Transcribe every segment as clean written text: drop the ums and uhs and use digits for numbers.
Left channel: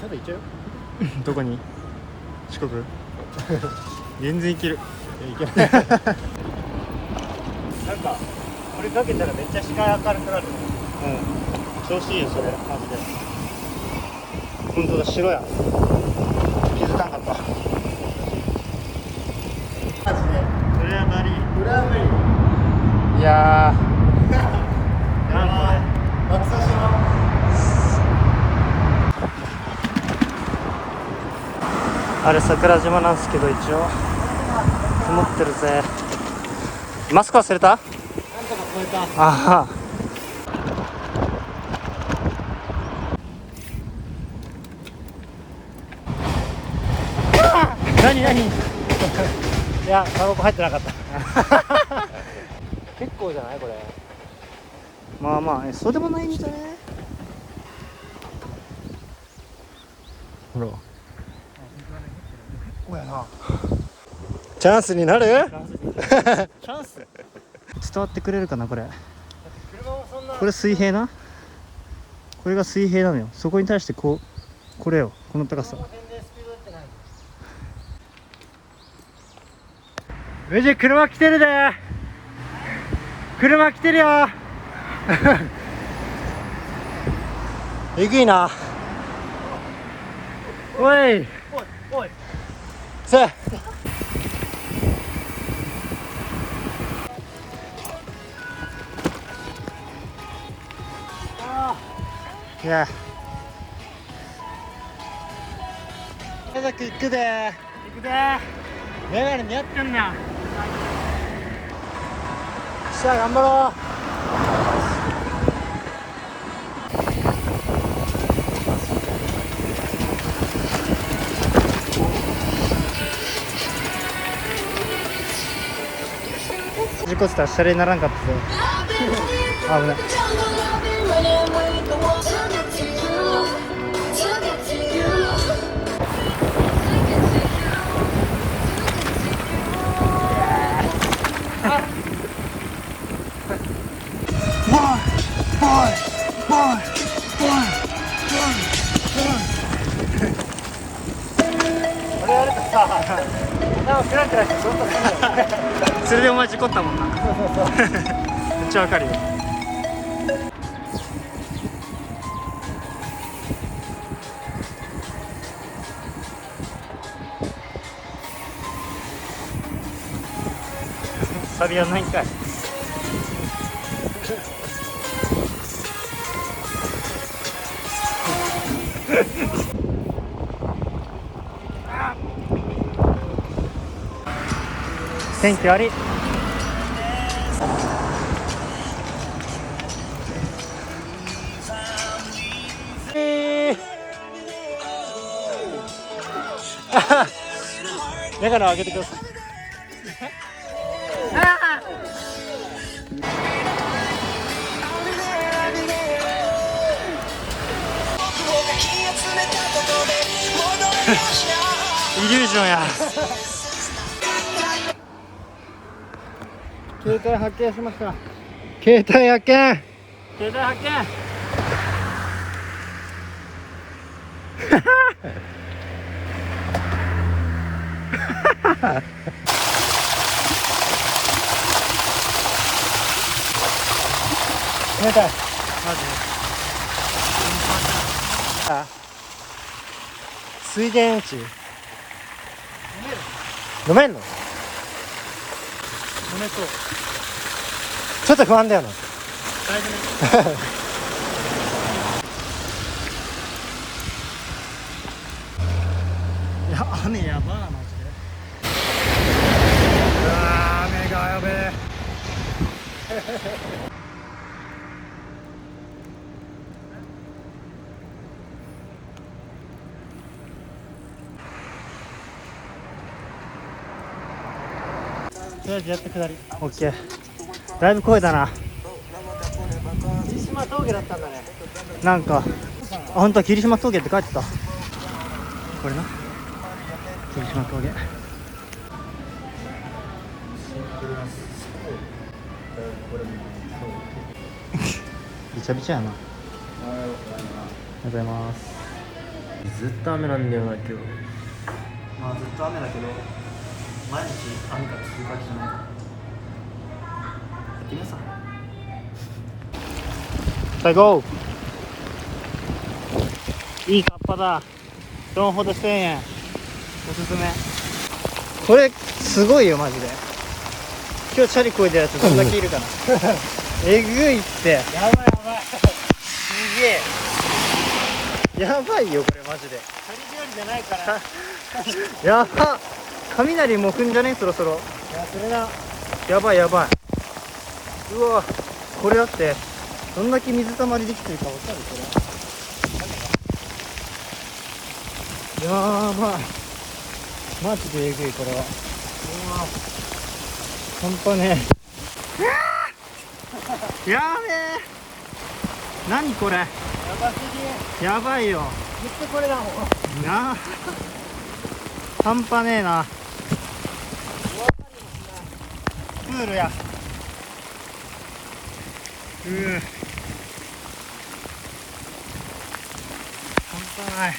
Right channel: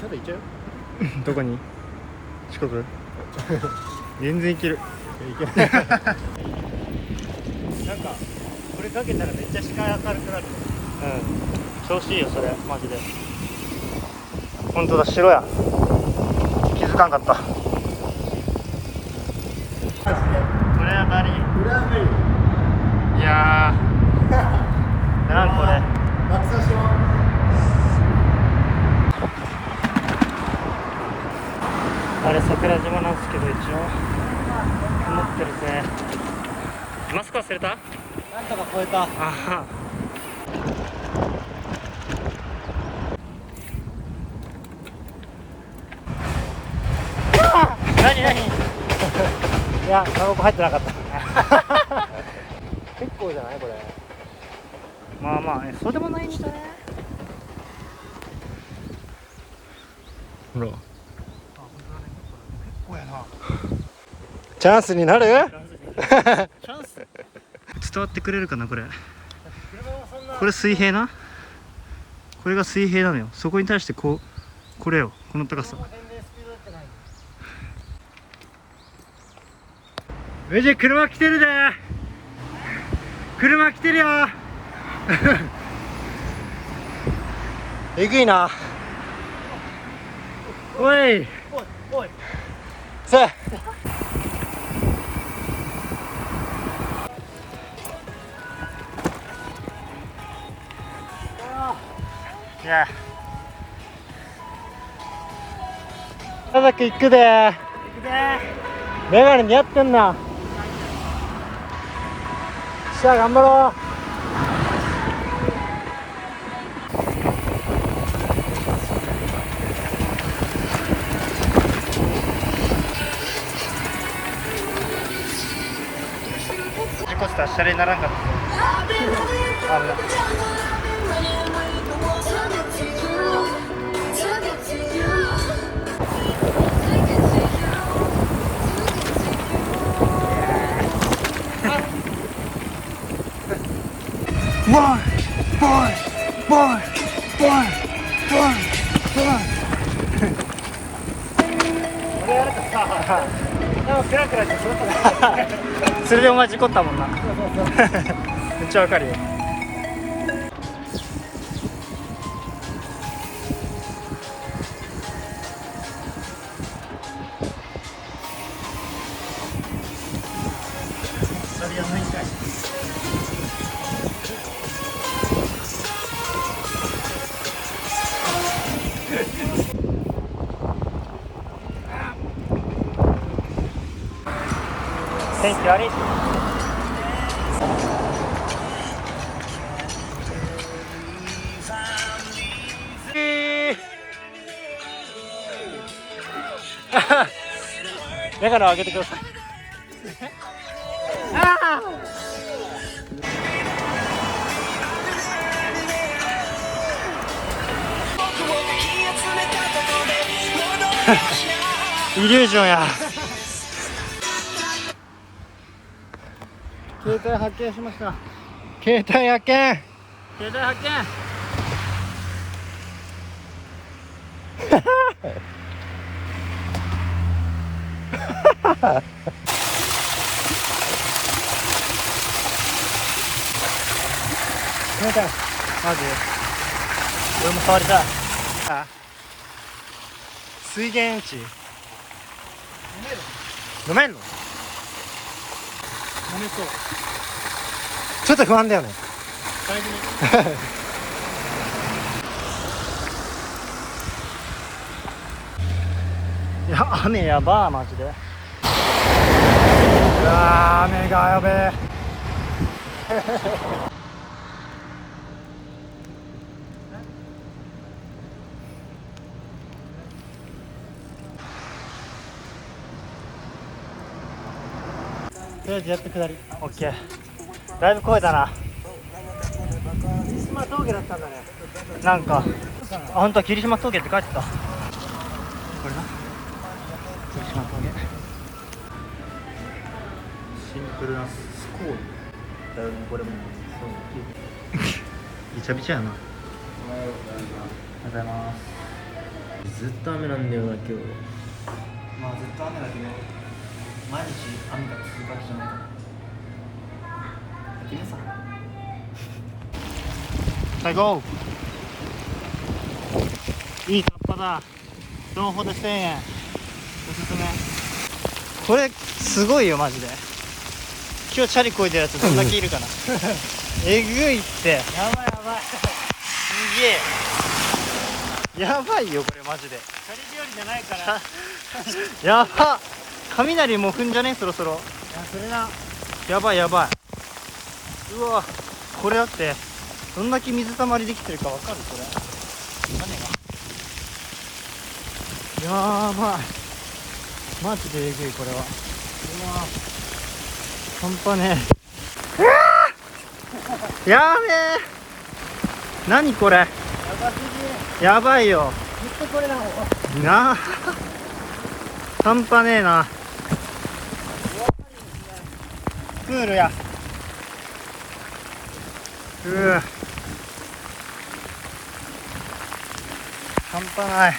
京都行っちゃうよ。どこに？四国？全然行ける。いけないなんかこれかけたらめっちゃ視界明るくなるね。調子いいよそれマジで。本当だ、白や。気づかんかった。マジでこれはバリ。これは無理。いやーなんこれ爆走しよあれ桜島なんですけど、一応曇ってるぜ。マスク忘れた？う。なんとか超えた。ああ何いや、タバコ入ってなかった結構じゃないこれ。まあまあそうでもないんじゃない？ほらおやな。チャンスになる？チャンス。伝わってくれるかなこれ。車もそんな。これ水平な、これが水平なのよ。そこに対してこれよ、この高さ。全然スピード出てない。メジ車来てるで。車来てるよえぐいな。おいおいおい。さあいや家族行くで。行くぜ。メガネ似合ってんな。さあ頑張ろう。事故したらシャレにならんかったぞ。俺やるとさ、頭クラクラしてずっとね。それでお前事故ったもんな。そうそうそう。めっちゃわかるよ。サビはないんかい。天気悪い。メガネを上げてください。イリュージョンや。携帯発見しました。携帯発見。携帯発見。携帯。マジ？俺も触りたい。あ、水源地。飲めんの？飲めそう。ちょっと不安だよね。大事に。いや、雨やばーマジで。うわー、雨だやべえ。とりあえずやって下り。オッケー。だいぶ声だな。霧島峠だったんだね。なんか、あ、本当は霧島峠って書いてた。これな。霧島峠。シンプルなスコール。だいぶこれも。びちゃびちゃやな。おはようございます。おはようございます。ずっと雨なんだよな今日。まあずっと雨だけど毎日雨が続くわけじゃないから行ってみようさ。さあゴー。いいカッパだ。ドンほど1000円おすすめ。これすごいよマジで。今日チャリこいでるやつどんだけいるかなえぐいって。やばいやばい。すげえやばいよこれマジで。チャリ日和じゃないからやばっ。雷もう踏んじゃねそろそろ。いやそれな。やばいやばい。うわこれだってどんだけ水たまりできてるかわかるこれ。やばいマジでえぐいこれは。うわ半端ねえやべえ。何これやばすぎ。やばいよずっとこれだもん。なあ半端ねえな。プールや。半端ない。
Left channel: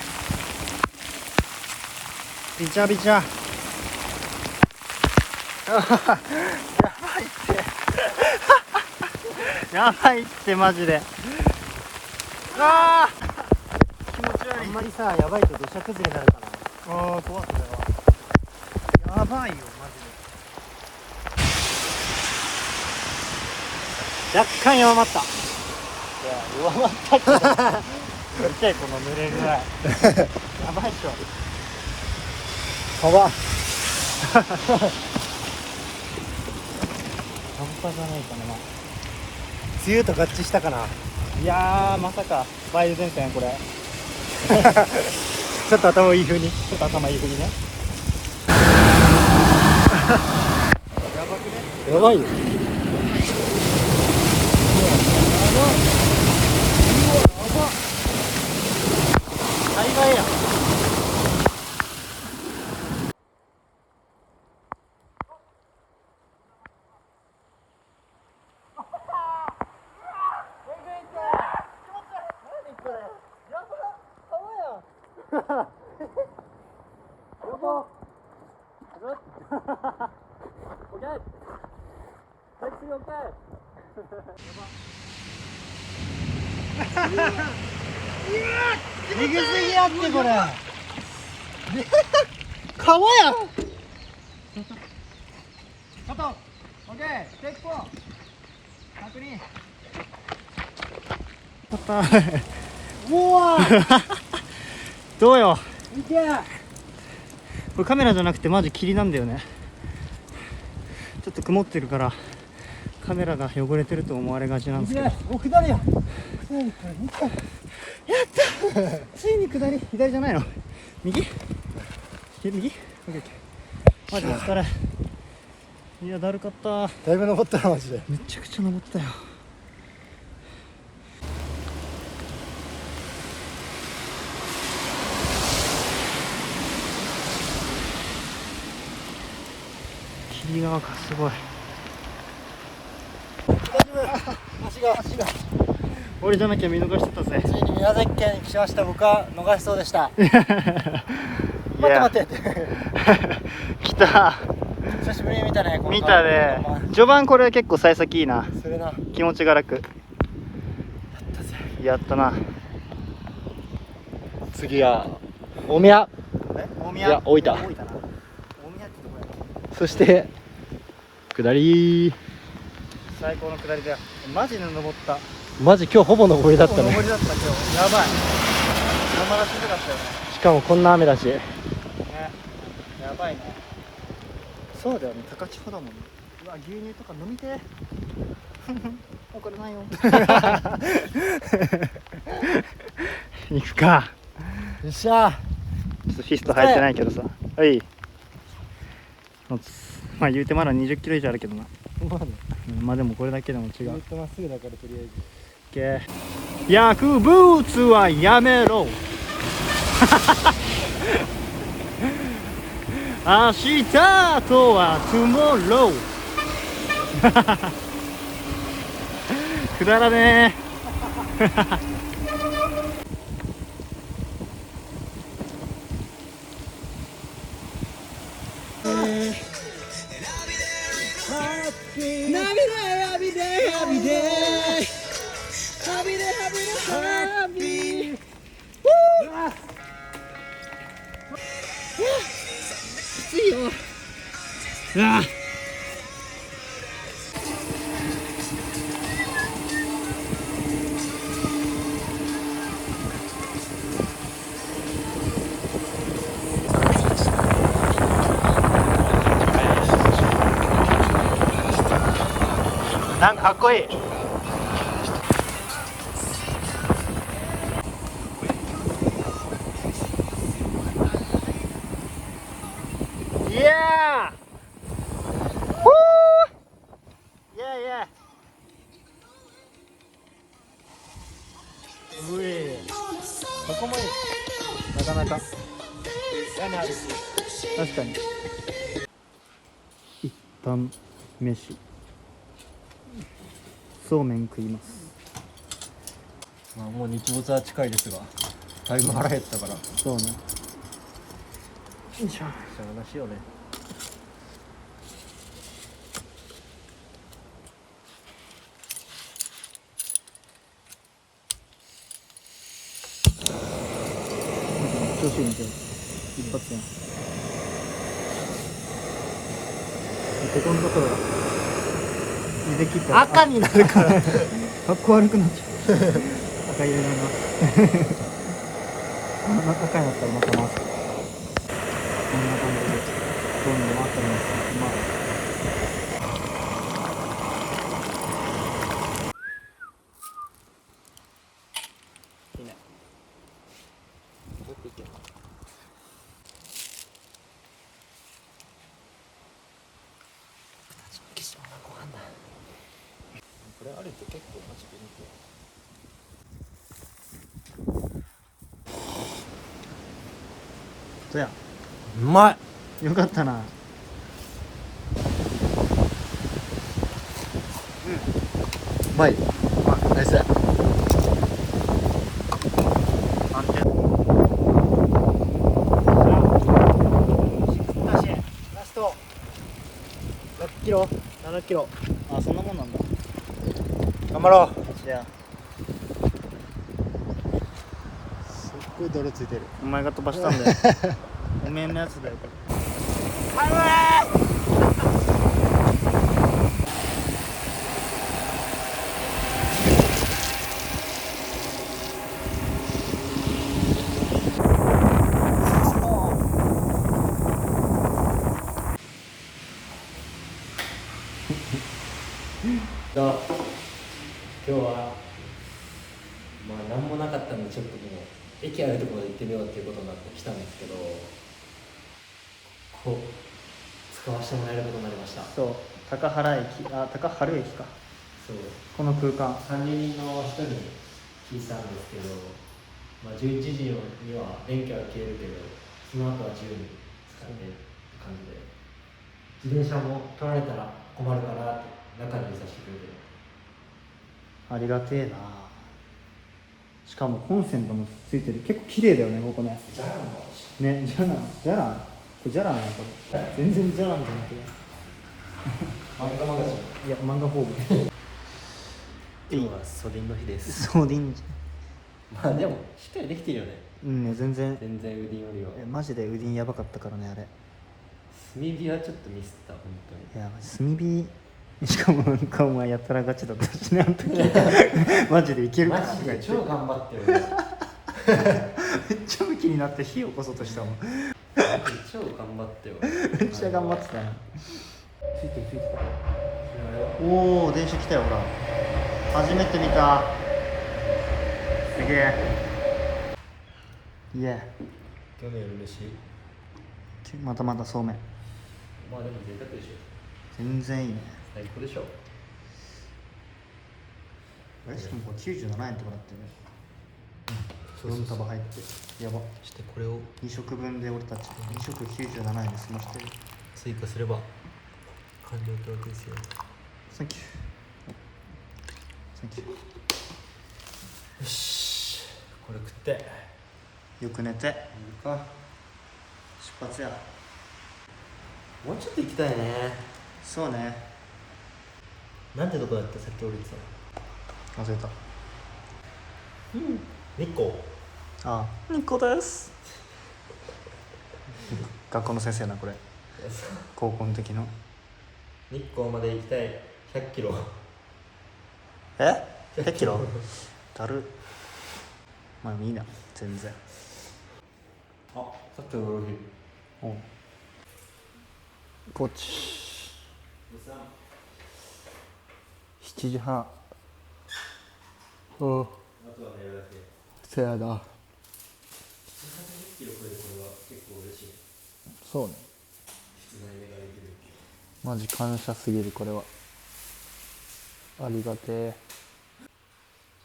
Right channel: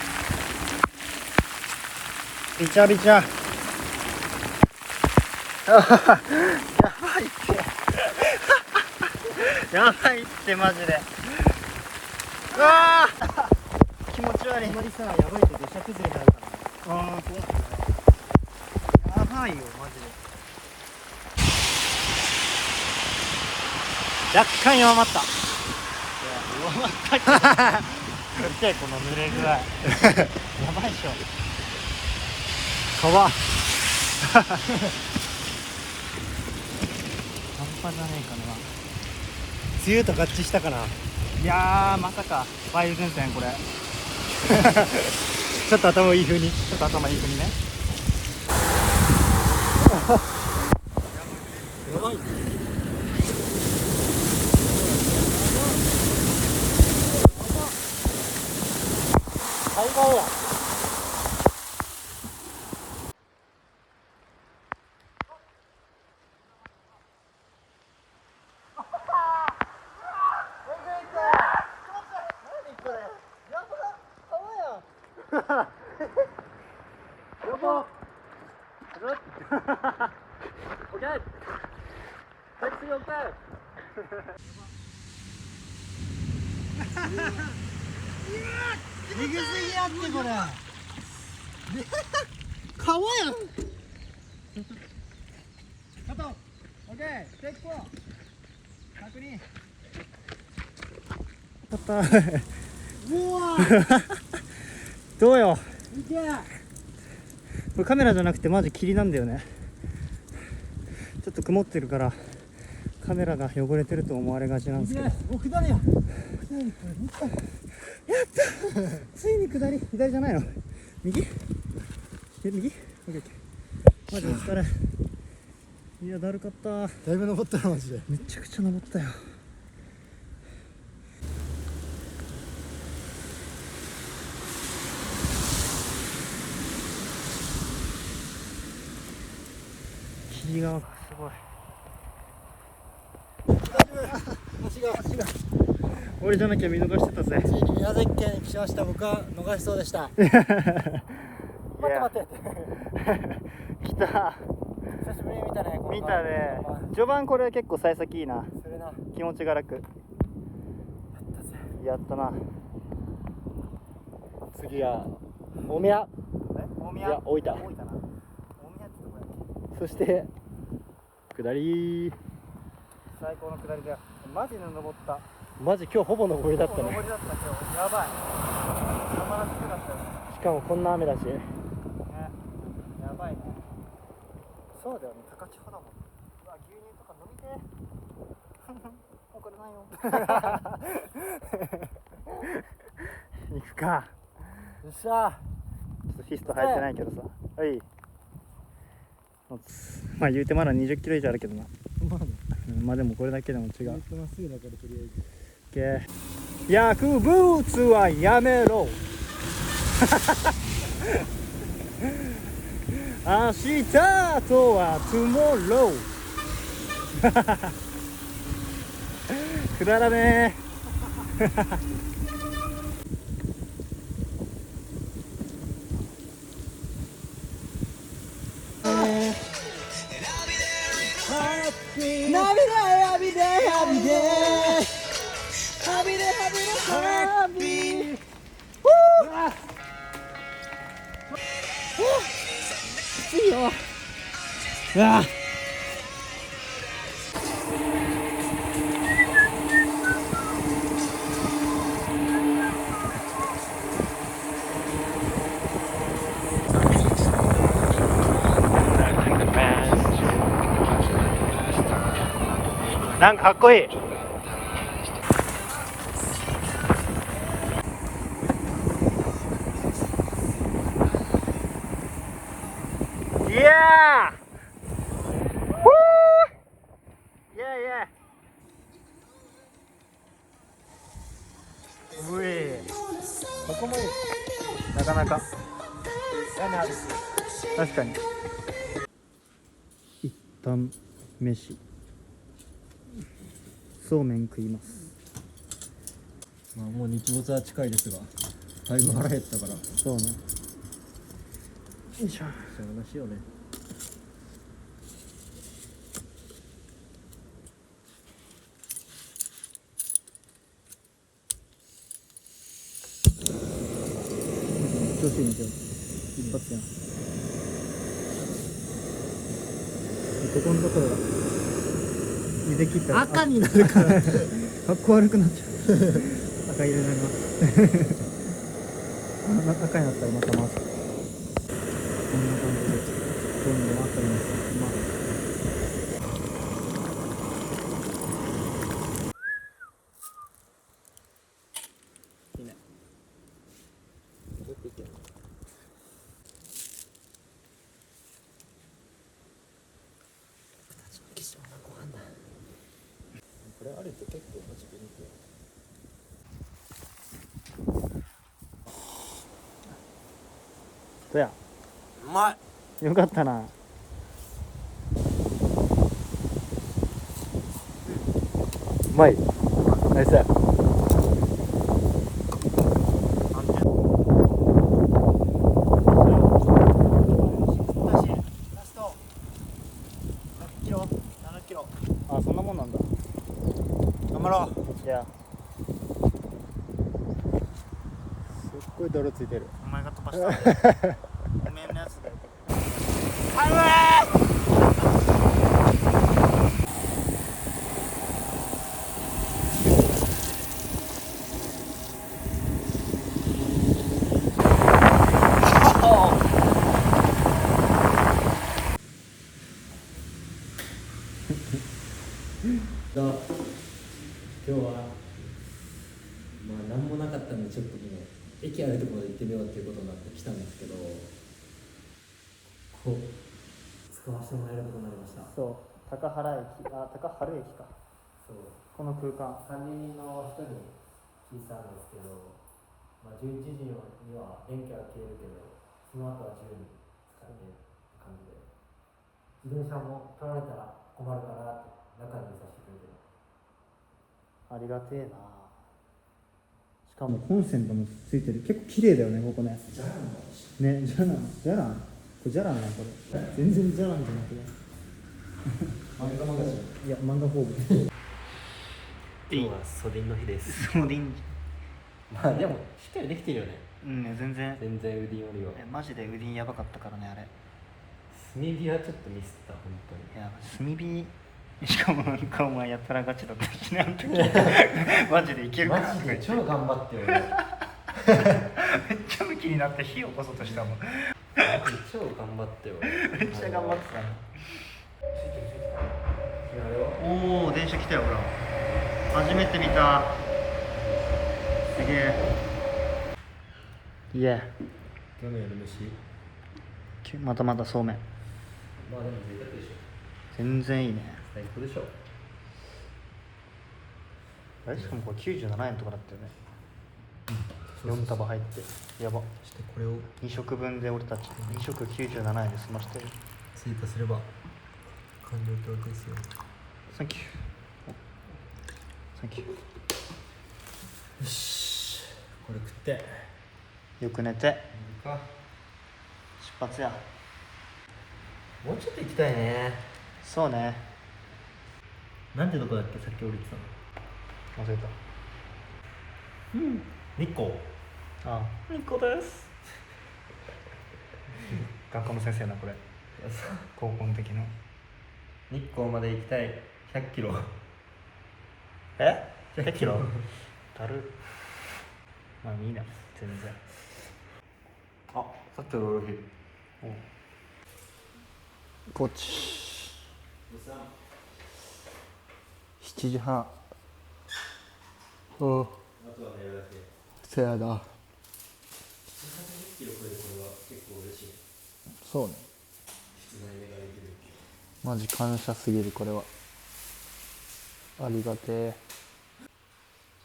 びちゃびちゃやばいってやばいってマジで。ああ気持ち悪い。あんまりさやばいと土砂崩れになるからね。ああ怖いそれは。やばいよマジで。若干弱まった。いや弱まったけど見てこの濡れ具合やばいっしょ。川半端じゃないかな。梅雨と合致したかな。いやーまさか梅雨前線これちょっと頭いい風に。ちょっと頭いいふうにね。やばいよ。えぐすぎやってこれ川や。カット。オッケー。テイク4。確認。うわーどうよいけ。これカメラじゃなくてマジ霧なんだよね。ちょっと曇ってるからカメラが汚れてると思われがちなんですけど。やっお下りや。下りこれ見た。たついに下り。左じゃないの右右 OK マジお疲れ。いやだるかった。だいぶ登ったなマジで。めちゃくちゃ登ったよ。霧側かすごい。足が俺じゃなきゃ見逃してたぜ。ついに宮崎県に来ました。僕は逃しそうでした。いや待って来た。久しぶりに見たね。この見たね。序盤これ結構幸先いいな。それな。気持ちが楽。やったな。次は大宮。大いや大分。大分な。大宮ってとこや。そして下り。最高の下りだよ。マジで登った。マジ今日ほぼ登りだったね。登りだった今日。やばい。山らしかったよね。しかもこんな雨だし。ね。やばいね。そうだよね。高千穂だもんね。うわ牛乳とか飲みてー。これないよ。行くか。よっしゃちょっとフィスト入ってないけどさ。はい。まあ言うてまだ20キロ以上あるけどな。まあね。まあでもこれだけでも違ずっう。とまっすぐだからとりあえず。薬物はやめろ。明日とは tomorrow。くだらねえ。うわなんかかっこいい。いやー、いやいや、うえ、ここもいい。なかなか屋根あるし、確かに。一旦飯、そうめん食います。まあもう日没は近いですが、だいぶ腹減ったから、そうね。よいしょ。しゃあなしよね。調子いいね、今日。一発やん。ここのところが茹で切ったら赤になるからかっこ悪くなっちゃう。赤入れながら赤になったらまた回す。こんな感じでどんどん回ってます。まあいいね。これあると結構マジでそうや。うまい。よかったな。うまい。ナイス。ラスト6キロ、7キロ。あ、そんなもんなんだ。頑張ろう。じゃあすっごい泥ついてる。お前が飛ばしたんだよ。おめえのやつだよ。今日はまあ何もなかったんでちょっともう駅あるところで行ってみようっていうことになって来たんですけど、こう使わせてもらえることになりました。そう、高原駅、あ、高原駅か。そう、この空間。管理人の人に聞いたんですけど、まあ、11時には電気は消えるけど、その後は自由に使ってって感じで、自転車も取られたら困るからって中に入れさせてくれて。ありがてえな。しかもコンセントもついてる。結構綺麗だよね、ここね。じゃあもね、じゃらん、じゃらん。これじゃらんや、これ。全然じゃらんじゃなくて。漫画マガジン。いや、漫画ホーム。今日は袖の日です。そうでいいんじまあでもしっかりできてるよね。ゃん。うんね、全然。全然ウディンよりは。いや、マジでウディンやばかったからね、あれ。炭火はちょっとミスった本当に。いや、炭火。しかもなんかお前やったらガチだったしなんかマジでいけるかマジで超頑張ってよ俺。めっちゃムキになって火を起こそうとしたもん。超頑張ってよ俺。めっちゃ頑張ってたよ。ついてるついてる。おお、電車来たよほら。初めて見た。すげえ。いや、今日の夜飯。またまたそうめん。まあでも贅沢でしょ。全然いいね。最高でしょ。あれしかもこれ97円とかだったよね。4そうそうそう束入ってやば。そしてこれを2食分で俺たち2食97円で済ましてる。追加すれば完了ってわけですよ。サンキュー。サンキュー。よし、これ食ってよく寝ていいか。出発や。もうちょっと行きたいね。そうね。なんてとこだっけ、さっき降りてたの。忘れた。日光。ああ、日光です。学校の先生なこれ。高校の時の。日光まで行きたい。100キロ。え？100キロ？だる。まあいいな、全然。あ、さっきのゴルフ。おう。ポチ。7時半。おう。あとは寝るだけ。せやな。180キロ超えるこれは結構嬉しい。そうね。室内寝ができる。マジ感謝すぎるこれは。ありがてえ。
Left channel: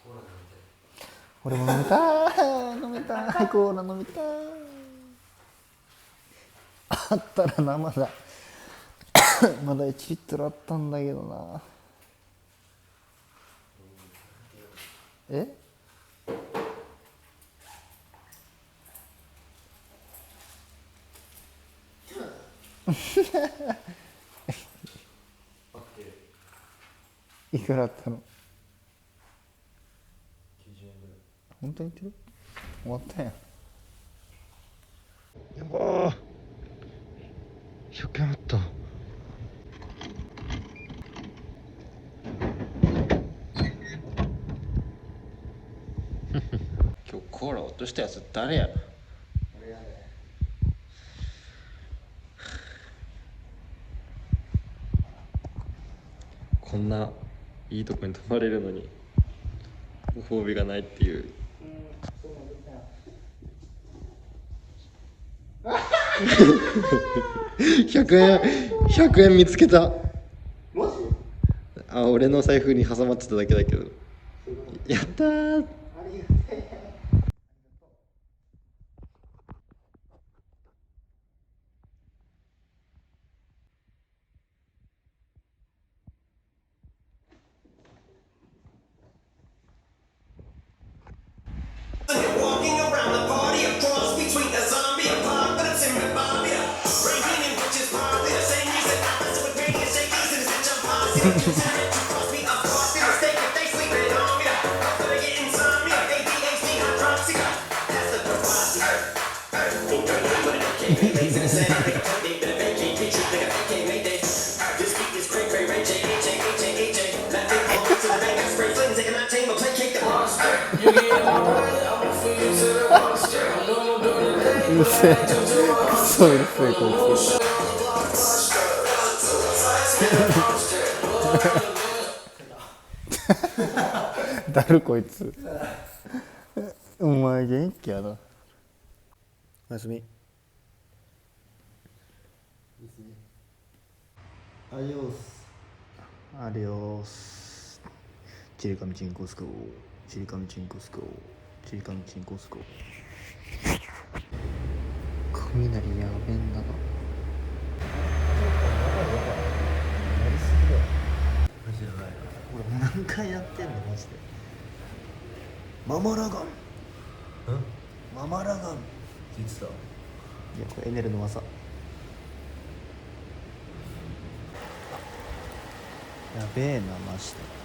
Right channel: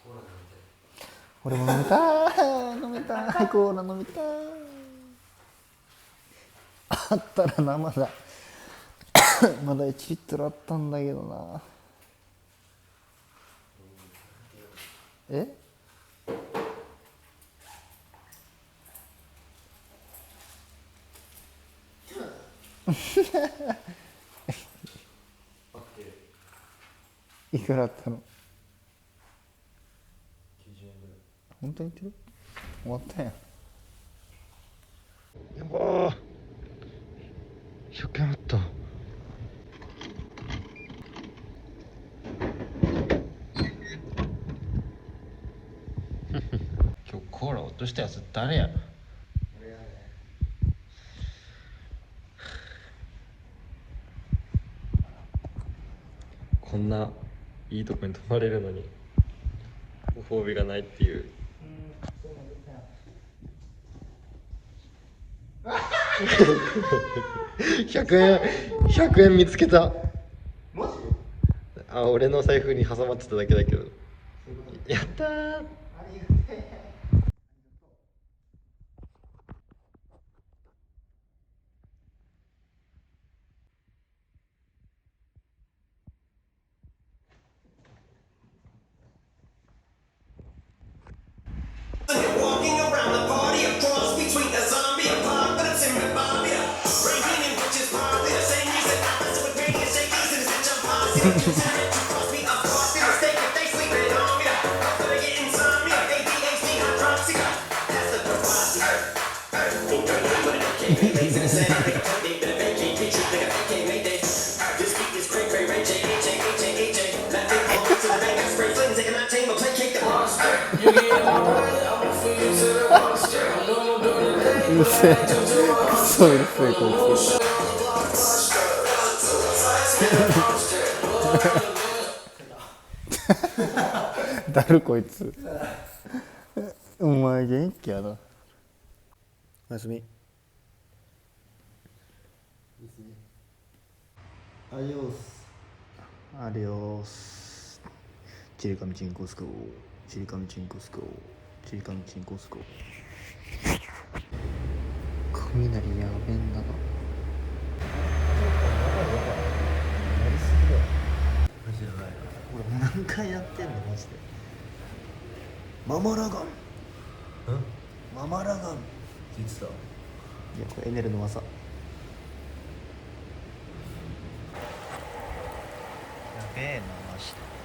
コーラなんて。俺も飲みたい。飲みたい。コーラ飲みたい。あったら生だ。まだ1リットルあったんだけどな。え？いくらあったの？90円ぐらい。本当に言ってる？終わったやん。100円あった。今日コーラ落としたやつ誰や？俺やね。こんないいとこに泊まれるのにご褒美がないっていう。100円見つけた。マジ？あ、俺の財布に挟まってただけだけど。やったー。ありがたい。Walking around the party, a cross between a zombie apocalypse and Bobia. Raging in witches' party, the same music happens with radiant shakers and it's a posse. Just had it to cross me up, cross me mistake if they sleeping on me. After they get insomnia, ADHD, hydroxia. That's the proposal. Think you're not with an AK, lazy to say, like a funny bit of AK, features like a AK Mayday. This beat is cray cray, Ray J, H A, H A, H A. Let it fall to the bank, I spray flame, taking my team, I'll play cake the monster. You get on. うるせえ。クソうるせえこいつ。だるこいつ。お前元気やな。おやすみ。アディオス。アディオス。チリカミチンコスコ。チリカミチンコスコ。チリカミチンコスコ。雷やべんだな。マジやばい。俺もう何回やってんのマジで。ママラガン。ママラガン。聞いてた。いやこれエネルの技。やべえなマジで。